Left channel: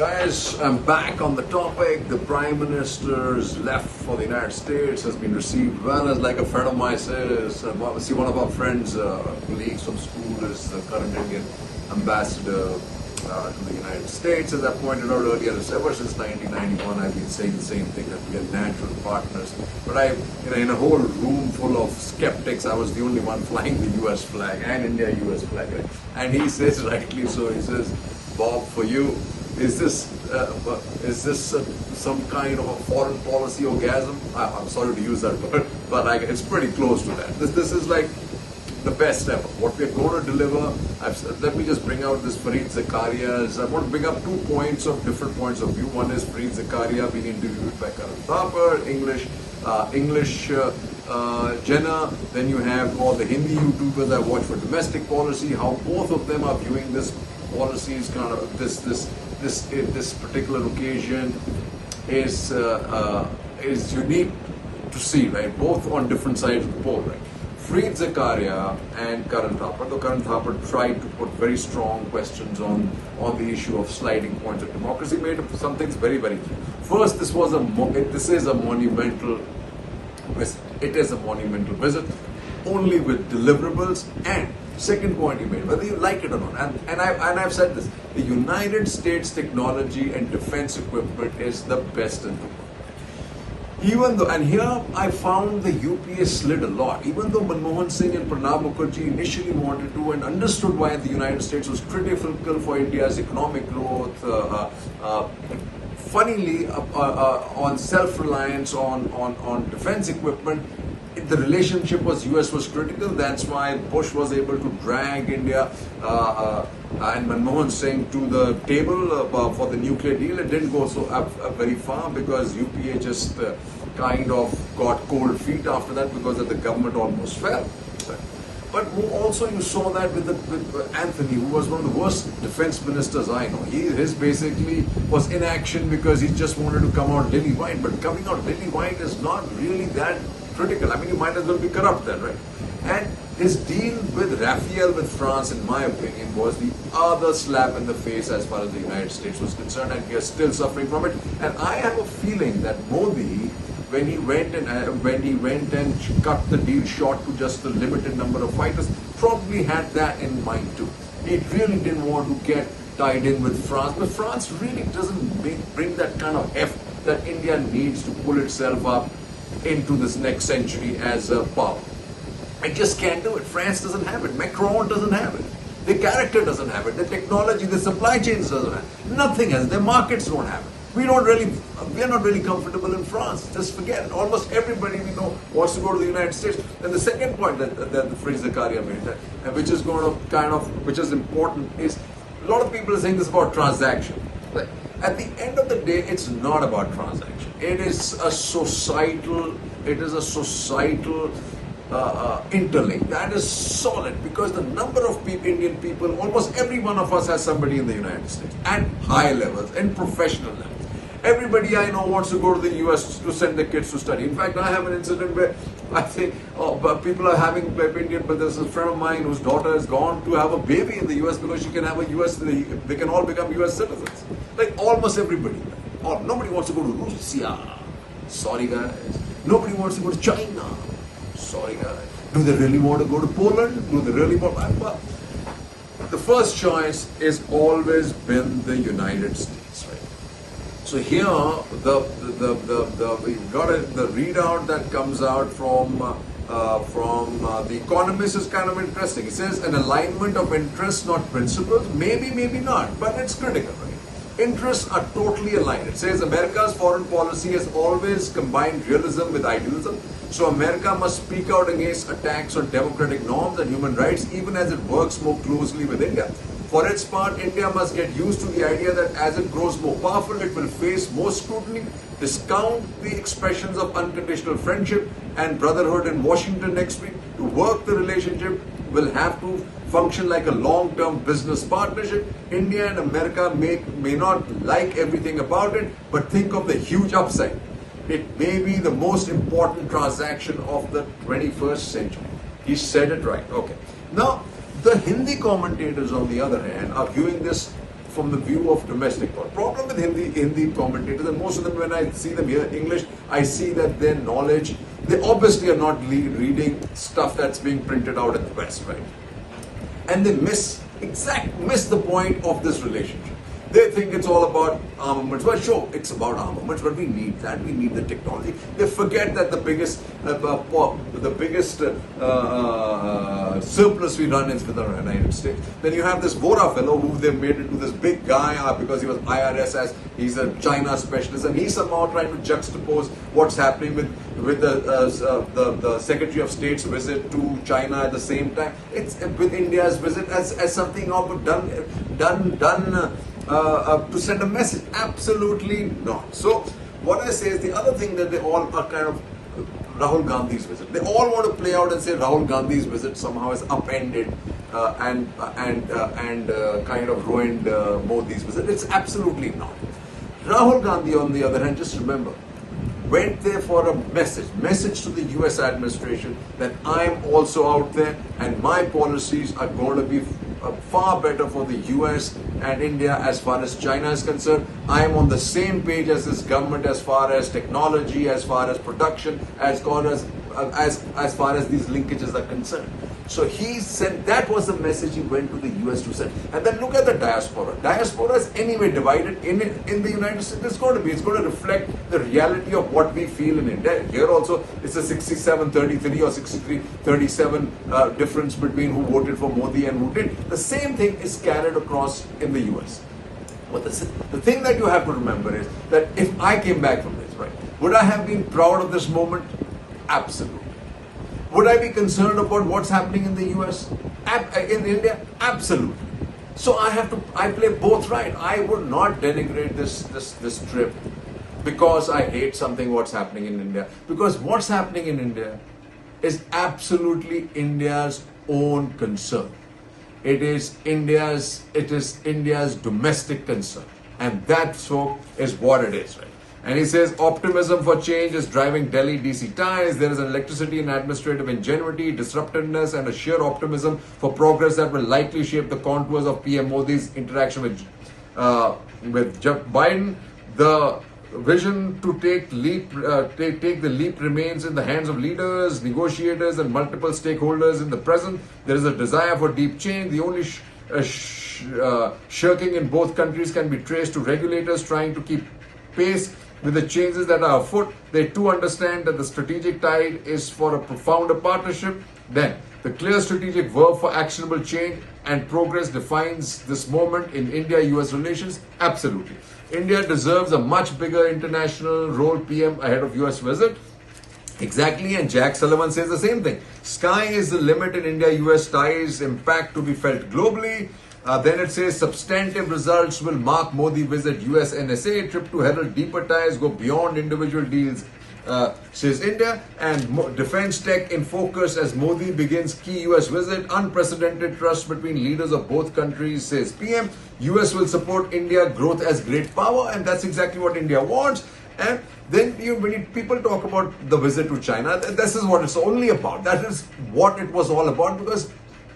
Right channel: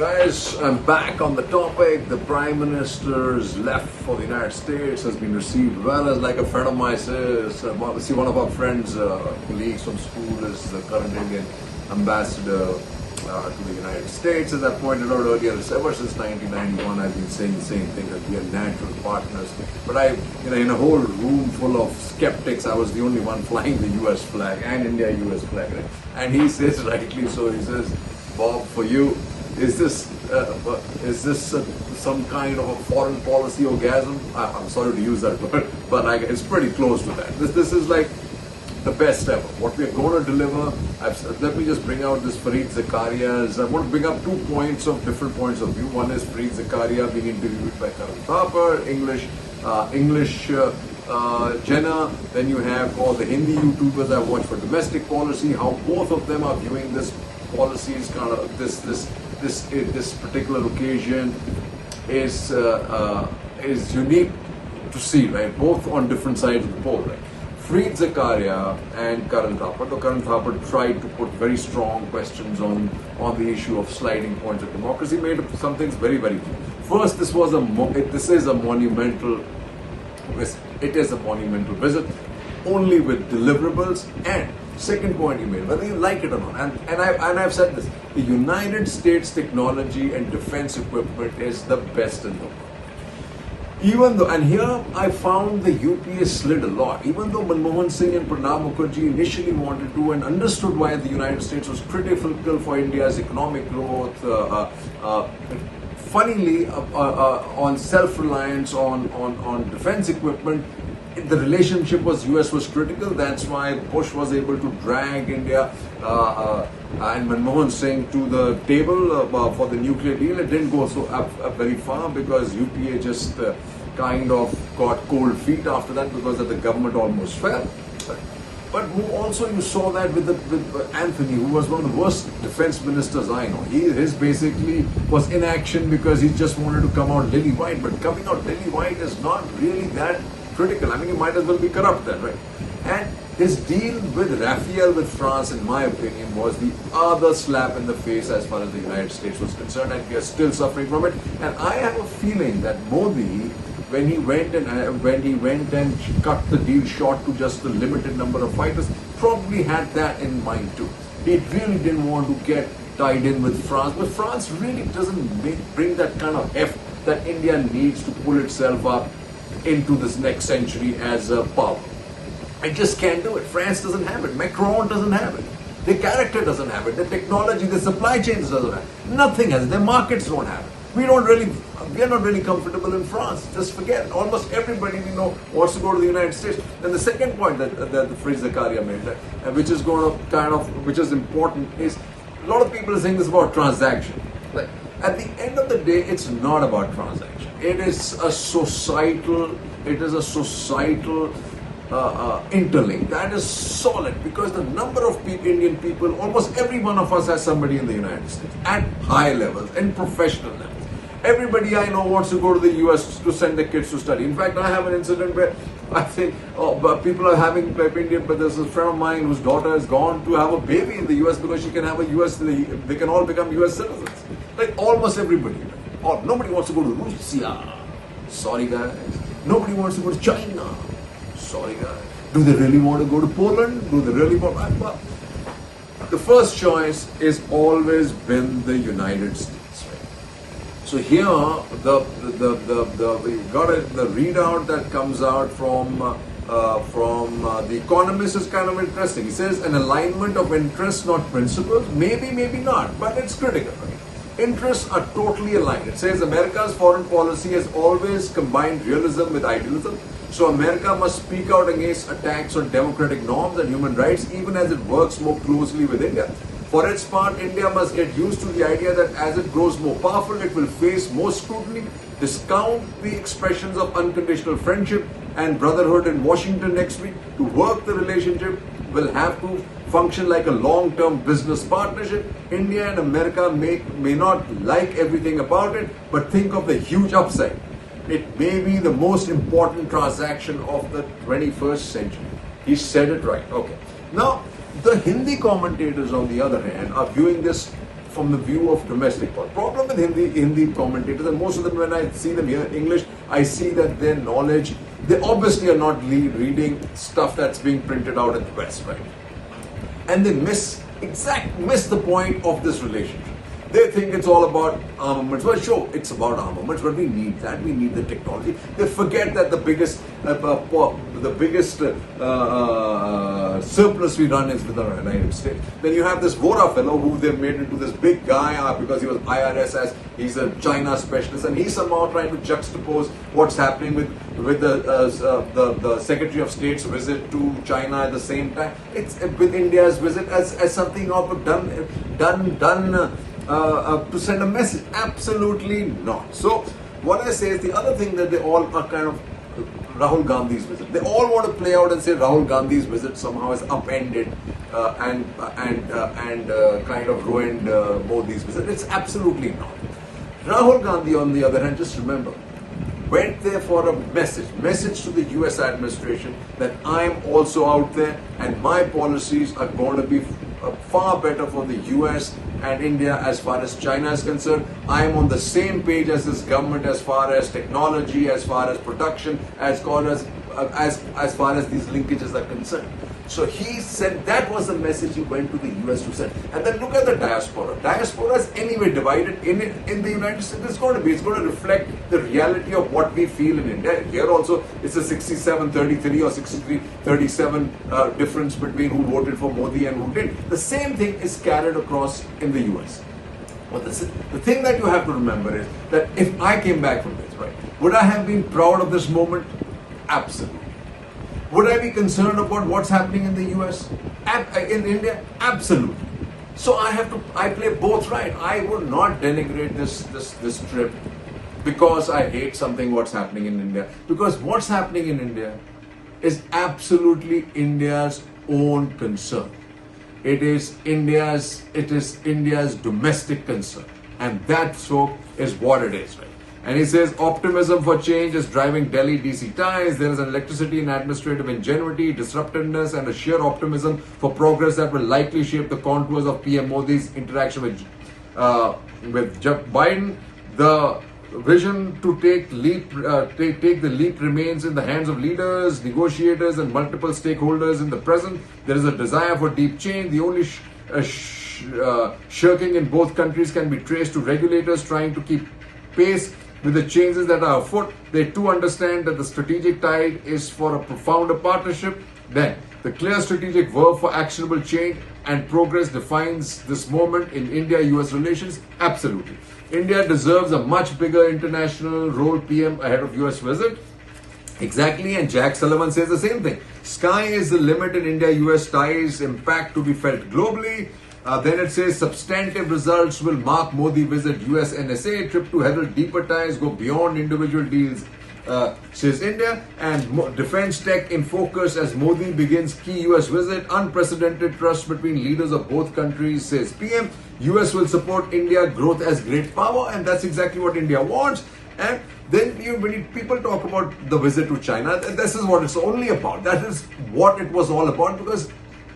Guys, I'm back on the topic. The Prime Minister's left for the United States has been received well. As like a friend of mine says, see, one of our friends, colleagues from school, is the current Indian ambassador to the United States. As I pointed out earlier, ever since 1991, I've been saying the same thing, that we are natural partners. But in a whole room full of skeptics, I was the only one flying the US flag and India-US flag. Right? And he says, rightly so, he says, Bob, for you, is this some kind of a foreign policy orgasm? I'm sorry to use that word, but it's pretty close to that. This is like the best ever. What we're going to deliver. Let me just bring out this Fareed Zakaria's. I want to bring up 2 points of different points of view. One is Fareed Zakaria being interviewed by Karan Thapar, English Jenna. Then you have all the Hindi YouTubers I watch for domestic policy. How both of them are viewing this policy is kind of this particular occasion is unique to see, right? Both on different sides of the pole, right? Fareed Zakaria and Karan Thapar. Though Karan Thapar tried to put very strong questions on the issue of sliding points of democracy, made some things very, very clear. First, this is a monumental visit. It is a monumental visit, only with deliverables. And second point he made, whether you like it or not, and I've said this: the United States technology and defense equipment is the best in the world. Even though, and here I found the UPA slid a lot. Even though Manmohan Singh and Pranab Mukherjee initially wanted to and understood why the United States was critical for India's economic growth, funnily on self-reliance on defense equipment, the relationship US was critical. That's why Bush was able to drag India and Manmohan Singh to the table for the nuclear deal. It didn't go so up very far because UPA just kind of got cold feet after that because the government almost fell. But also you saw that with Anthony, who was one of the worst defense ministers I know. His basically was inaction because he just wanted to come out lily white. But coming out lily white is not really that critical. I mean, you might as well be corrupt then, right? And his deal with Raphael with France, in my opinion, was the other slap in the face as far as the United States was concerned, and we are still suffering from it. And I have a feeling that Modi, when he went and cut the deal short to just the limited number of fighters, probably had that in mind too. He really didn't want to get tied in with France, but France really doesn't bring that kind of heft that India needs to pull itself up into this next century as a power. It just can't do it. France doesn't have it. Macron doesn't have it. The character doesn't have it. The technology, the supply chains doesn't have it. Nothing has it. Their markets don't have it. We are not really comfortable in France. Just forget it. Almost everybody we know wants to go to the United States. And the second point that Fareed Zakaria made, which is which is important, is a lot of people are saying this about transaction. Like, at the end of the day, it's not about transaction. It is a societal interlink that is solid, because the number of Indian people, almost every one of us has somebody in the United States at high levels, in professional levels. Everybody I know wants to go to the US to send their kids to study. In fact, I have an incident where I think people are having Indian, but there's a friend of mine whose daughter has gone to have a baby in the US because she can have a US, they can all become US citizens. Like almost everybody. Or nobody wants to go to Russia. Sorry guys. Nobody wants to go to China. Sorry guys. Do they really want to go to Poland? Do they really want? Well, the first choice has always been the United States, right? So here, the readout that comes out from The Economist is kind of interesting. It says an alignment of interests, not principles. Maybe, maybe not, but it's critical, right? Interests are totally aligned. It says America's foreign policy has always combined realism with idealism. So America must speak out against attacks on democratic norms and human rights, even as it works more closely with India. For its part, India must get used to the idea that as it grows more powerful, it will face more scrutiny. Discount the expressions of unconditional friendship and brotherhood in Washington next week. To work the relationship will have to function like a long-term business partnership. India and America may not like everything about it, but think of the huge upside. It may be the most important transaction of the 21st century. He said it right. Okay. Now, the Hindi commentators, on the other hand, are viewing this from the view of domestic politics. Problem with Hindi commentators, and most of them, when I see them here in English, I see that their knowledge, they obviously are not reading stuff that's being printed out in the West, right? And they miss the point of this relationship. They think it's all about armaments. Well, sure, it's about armaments, but we need that. We need the technology. They forget that the biggest surplus we run is with the United States. Then you have this Vora fellow who they've made into this big guy because he was IRS, as he's a China specialist, and he's somehow trying to juxtapose what's happening with the Secretary of State's visit to China at the same time. It's with India's visit as something of a done. To send a message. Absolutely not. So what they say is the other thing that they all are kind of Rahul Gandhi's visit. They all want to play out and say Rahul Gandhi's visit somehow has upended and kind of ruined Modi's visit. It's absolutely not. Rahul Gandhi, on the other hand, just remember, went there for a message to the US administration that I'm also out there and my policies are going to be far better for the US and India as far as China is concerned. I am on the same page as this government as far as technology, as far as production, as far as these linkages are concerned. So he said that was the message he went to the US to send. And then look at the diaspora. Diaspora is anyway divided in the United States. It's going to reflect the reality of what we feel in India. Here also it's a 67-33 or 63-37 difference between who voted for Modi and who didn't. The same thing is carried across in the US. But the thing that you have to remember is that if I came back from this, right, would I have been proud of this moment? Absolutely. Would I be concerned about what's happening in the US? In India? Absolutely. So I play both right. I would not denigrate this trip because I hate what's happening in India. Because what's happening in India is absolutely India's own concern. It is India's domestic concern. And that so is what it is, right? And he says optimism for change is driving Delhi DC ties. There is an electricity and administrative ingenuity, disruptiveness, and a sheer optimism for progress that will likely shape the contours of PM Modi's interaction with Biden. The vision to take the leap remains in the hands of leaders, negotiators, and multiple stakeholders in the present. There is a desire for deep change. The only shirking in both countries can be traced to regulators trying to keep pace with the changes that are afoot. They too understand that the strategic tide is for a profounder partnership. Then, the clear strategic verb for actionable change and progress defines this moment in India-US relations. Absolutely. India deserves a much bigger international role, PM, ahead of US visit. Exactly, and Jack Sullivan says the same thing. Sky is the limit in India-US ties, impact to be felt globally. Then it says substantive results will mark Modi visit US NSA, trip to herald deeper ties, go beyond individual deals, says India, and defense tech in focus as Modi begins key US visit, unprecedented trust between leaders of both countries, says PM. US will support India growth as great power, and that's exactly what India wants. And then when people talk about the visit to China, this is what it's only about. That is what it was all about, because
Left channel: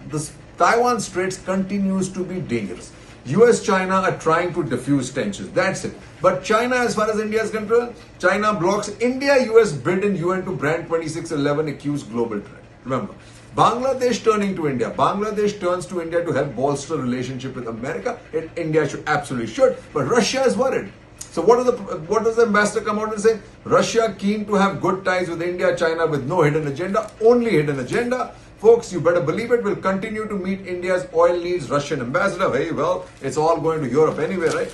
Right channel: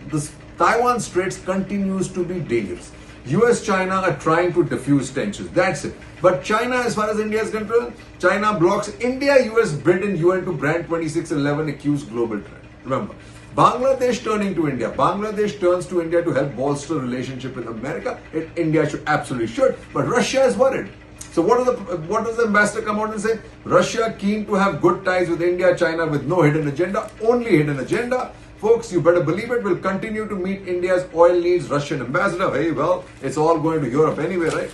this Taiwan Straits continues to be dangerous. US-China are trying to diffuse tensions. That's it. But China, as far as India is concerned, China blocks India-US bid in UN to brand 2611 accused global trend. Remember, Bangladesh turning to India. Bangladesh turns to India to help bolster relationship with America. India absolutely should. But Russia is worried. So what does the ambassador come out and say? Russia keen to have good ties with India, China with no hidden agenda, only hidden agenda. Folks, you better believe it, will continue to meet India's oil needs, Russian ambassador. Hey, well, it's all going to Europe anyway, right?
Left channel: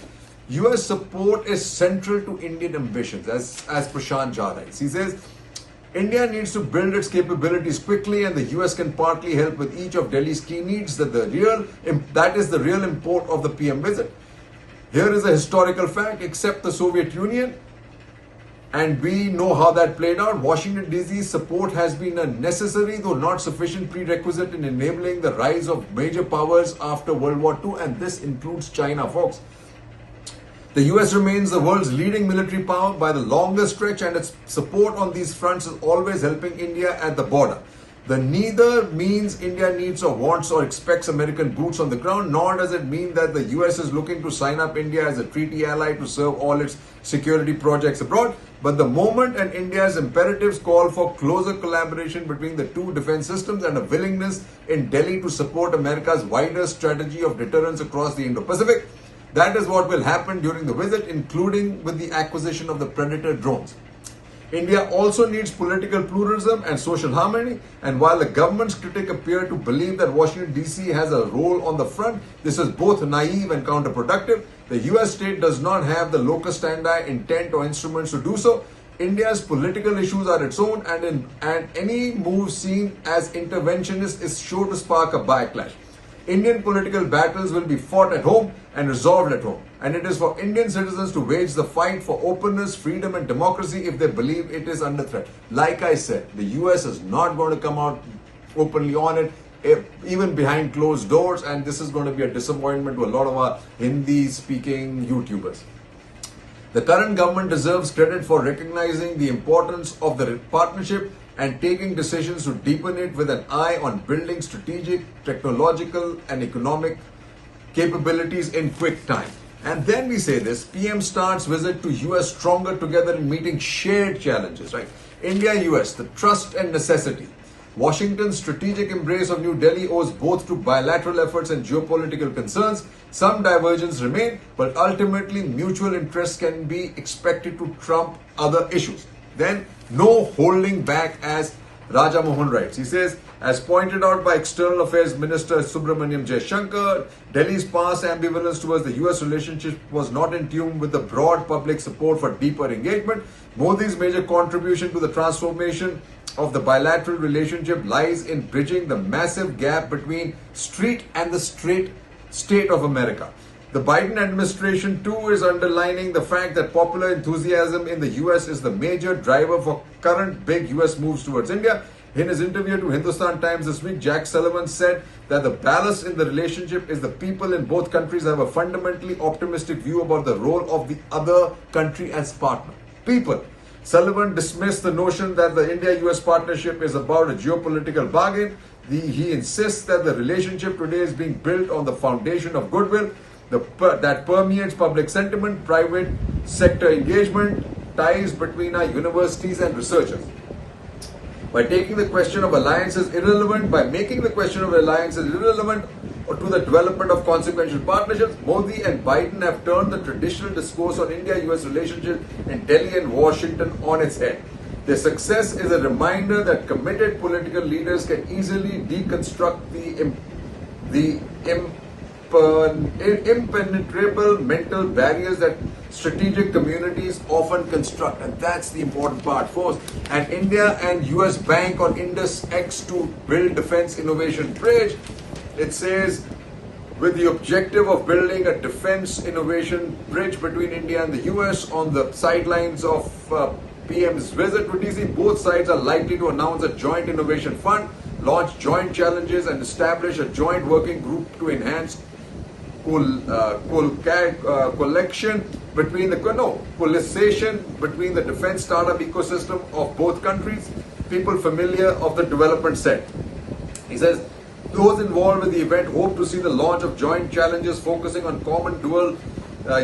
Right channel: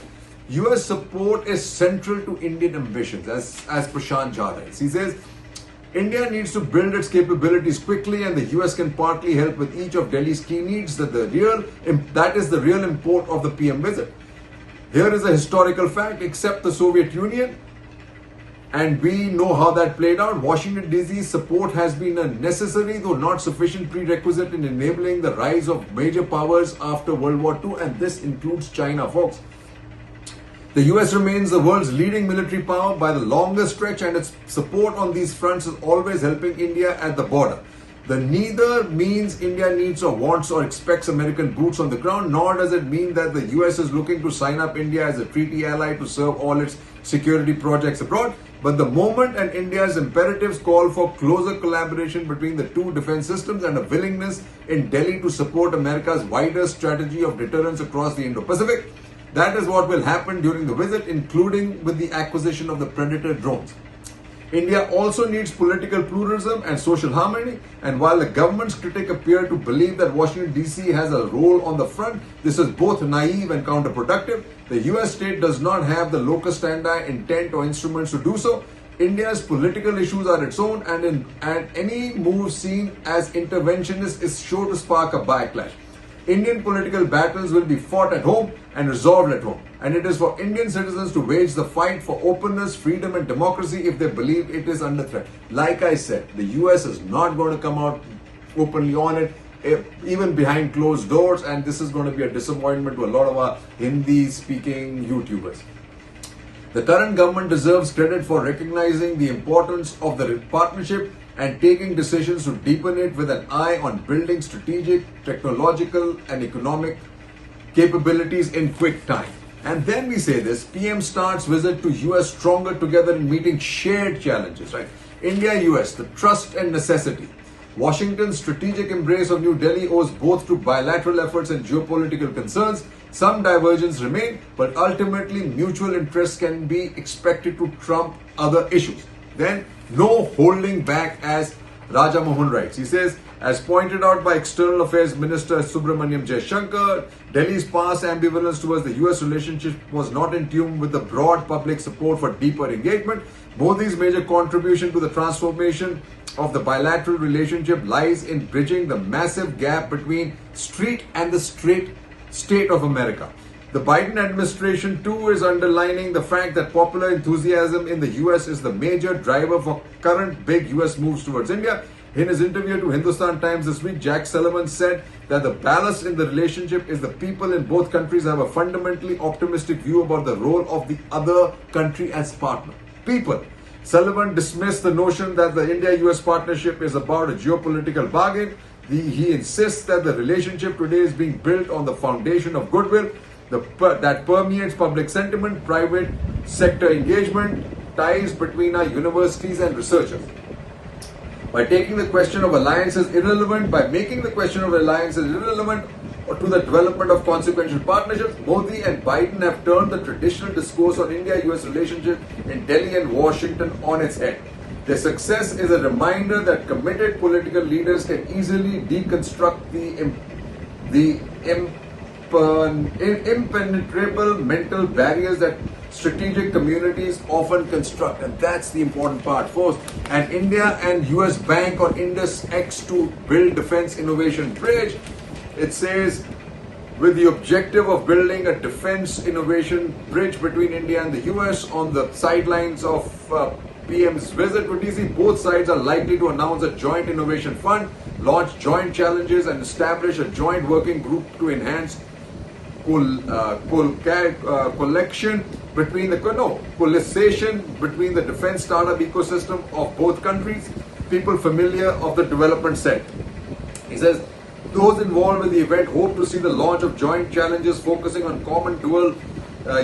US support is central to Indian ambitions, as Prashant Jha writes. He says, India needs to build its capabilities quickly, and the US can partly help with each of Delhi's key needs. That is the real import of the PM visit. Here is a historical fact: except the Soviet Union, and we know how that played out, Washington DC's support has been a necessary, though not sufficient, prerequisite in enabling the rise of major powers after World War II, and this includes China, folks. The US remains the world's leading military power by the longest stretch, and its support on these fronts is always helping India at the border. The neither means India needs or wants or expects American boots on the ground, nor does it mean that the US is looking to sign up India as a treaty ally to serve all its security projects abroad. But the moment and India's imperatives call for closer collaboration between the two defense systems and a willingness in Delhi to support America's wider strategy of deterrence across the Indo-Pacific, that is what will happen during the visit, including with the acquisition of the Predator drones. India also needs political pluralism and social harmony, and while the government's critics appear to believe that Washington DC has a role on the front, this is both naive and counterproductive. The US state does not have the locus standi, intent or instruments to do so. India's political issues are its own, and any move seen as interventionist is sure to spark a backlash. Indian political battles will be fought at home and resolved at home. And it is for Indian citizens to wage the fight for openness, freedom and democracy if they believe it is under threat. Like I said, the US is not going to come out openly on it, even behind closed doors. And this is going to be a disappointment to a lot of our Hindi-speaking YouTubers. The current government deserves credit for recognizing the importance of the partnership and taking decisions to deepen it with an eye on building strategic, technological and economic capabilities in quick time. And then we say this, PM starts visit to US stronger together in meeting shared challenges, right? India-US, the trust and necessity. Washington's strategic embrace of New Delhi owes both to bilateral efforts and geopolitical concerns. Some divergence remain, but ultimately mutual interests can be expected to trump other issues. Then, no holding back, as Raja Mohan writes. He says, as pointed out by External Affairs Minister Subramaniam Jaishankar, Delhi's past ambivalence towards the US relationship was not in tune with the broad public support for deeper engagement. Modi's major contribution to the transformation of the bilateral relationship lies in bridging the massive gap between street and the straight state of America. The Biden administration too is underlining the fact that popular enthusiasm in the US is the major driver for current big US moves towards India. In his interview to Hindustan Times this week, Jack Sullivan said that the ballast in the relationship is the people in both countries have a fundamentally optimistic view about the role of the other country as partner. People. Sullivan dismissed the notion that the India-US partnership is about a geopolitical bargain. He insists that the relationship today is being built on the foundation of goodwill that permeates public sentiment, private sector engagement, ties between our universities and researchers. By making the question of alliances irrelevant to the development of consequential partnerships, Modi and Biden have turned the traditional discourse on India-US relationship in Delhi and Washington on its head. Their success is a reminder that committed political leaders can easily deconstruct the impenetrable mental barriers that strategic communities often construct, and that's the important part. First, and India and US bank on Indus X to build defense innovation bridge. It says, with the objective of building a defense innovation bridge between India and the US on the sidelines of PM's visit to DC, both sides are likely to announce a joint innovation fund, launch joint challenges, and establish a joint working group to enhance coalition between the defense startup ecosystem of both countries. People familiar of the development said. He says, those involved with the event hope to see the launch of joint challenges focusing on common dual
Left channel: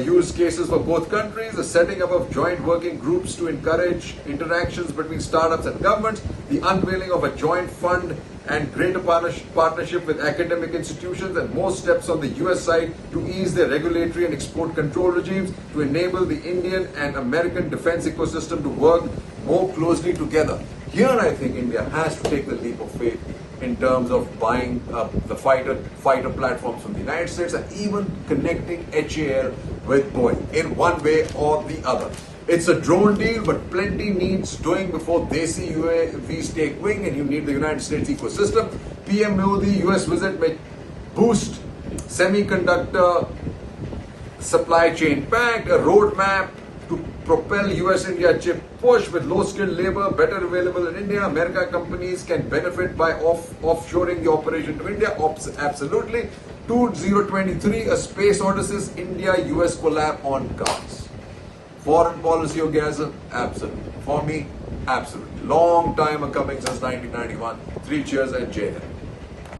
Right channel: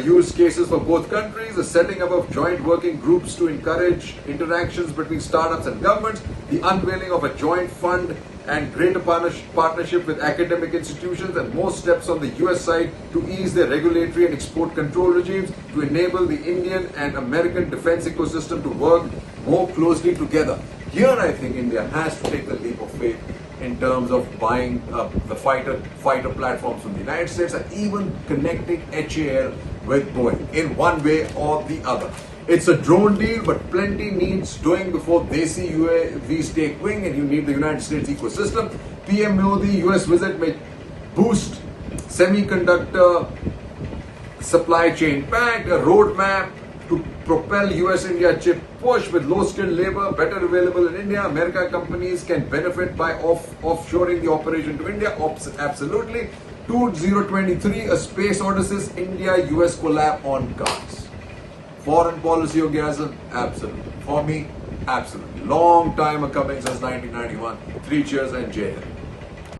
use cases for both countries, the setting up of joint working groups to encourage interactions between startups and governments, the unveiling of a joint fund and greater partnership with academic institutions, and more steps on the US side to ease their regulatory and export control regimes to enable the Indian and American defense ecosystem to work more closely together. Here I think India has to take the leap of faith in terms of buying the fighter platforms from the United States and even connecting HAL with Boeing in one way or the other. It's a drone deal, but plenty needs doing before they see UAVs take wing, and you need the United States ecosystem. PM Modi US visit may boost semiconductor supply chain pact, a roadmap to propel US-India chip push with low-skilled labor better available in India. American companies can benefit by offshoring the operation to India. Absolutely. 2023, a space Odysseus, India-US collab on cards. Foreign policy orgasm? Absolutely. For me, Absolutely. Long time coming since 1991. 3 cheers and Jai Hind.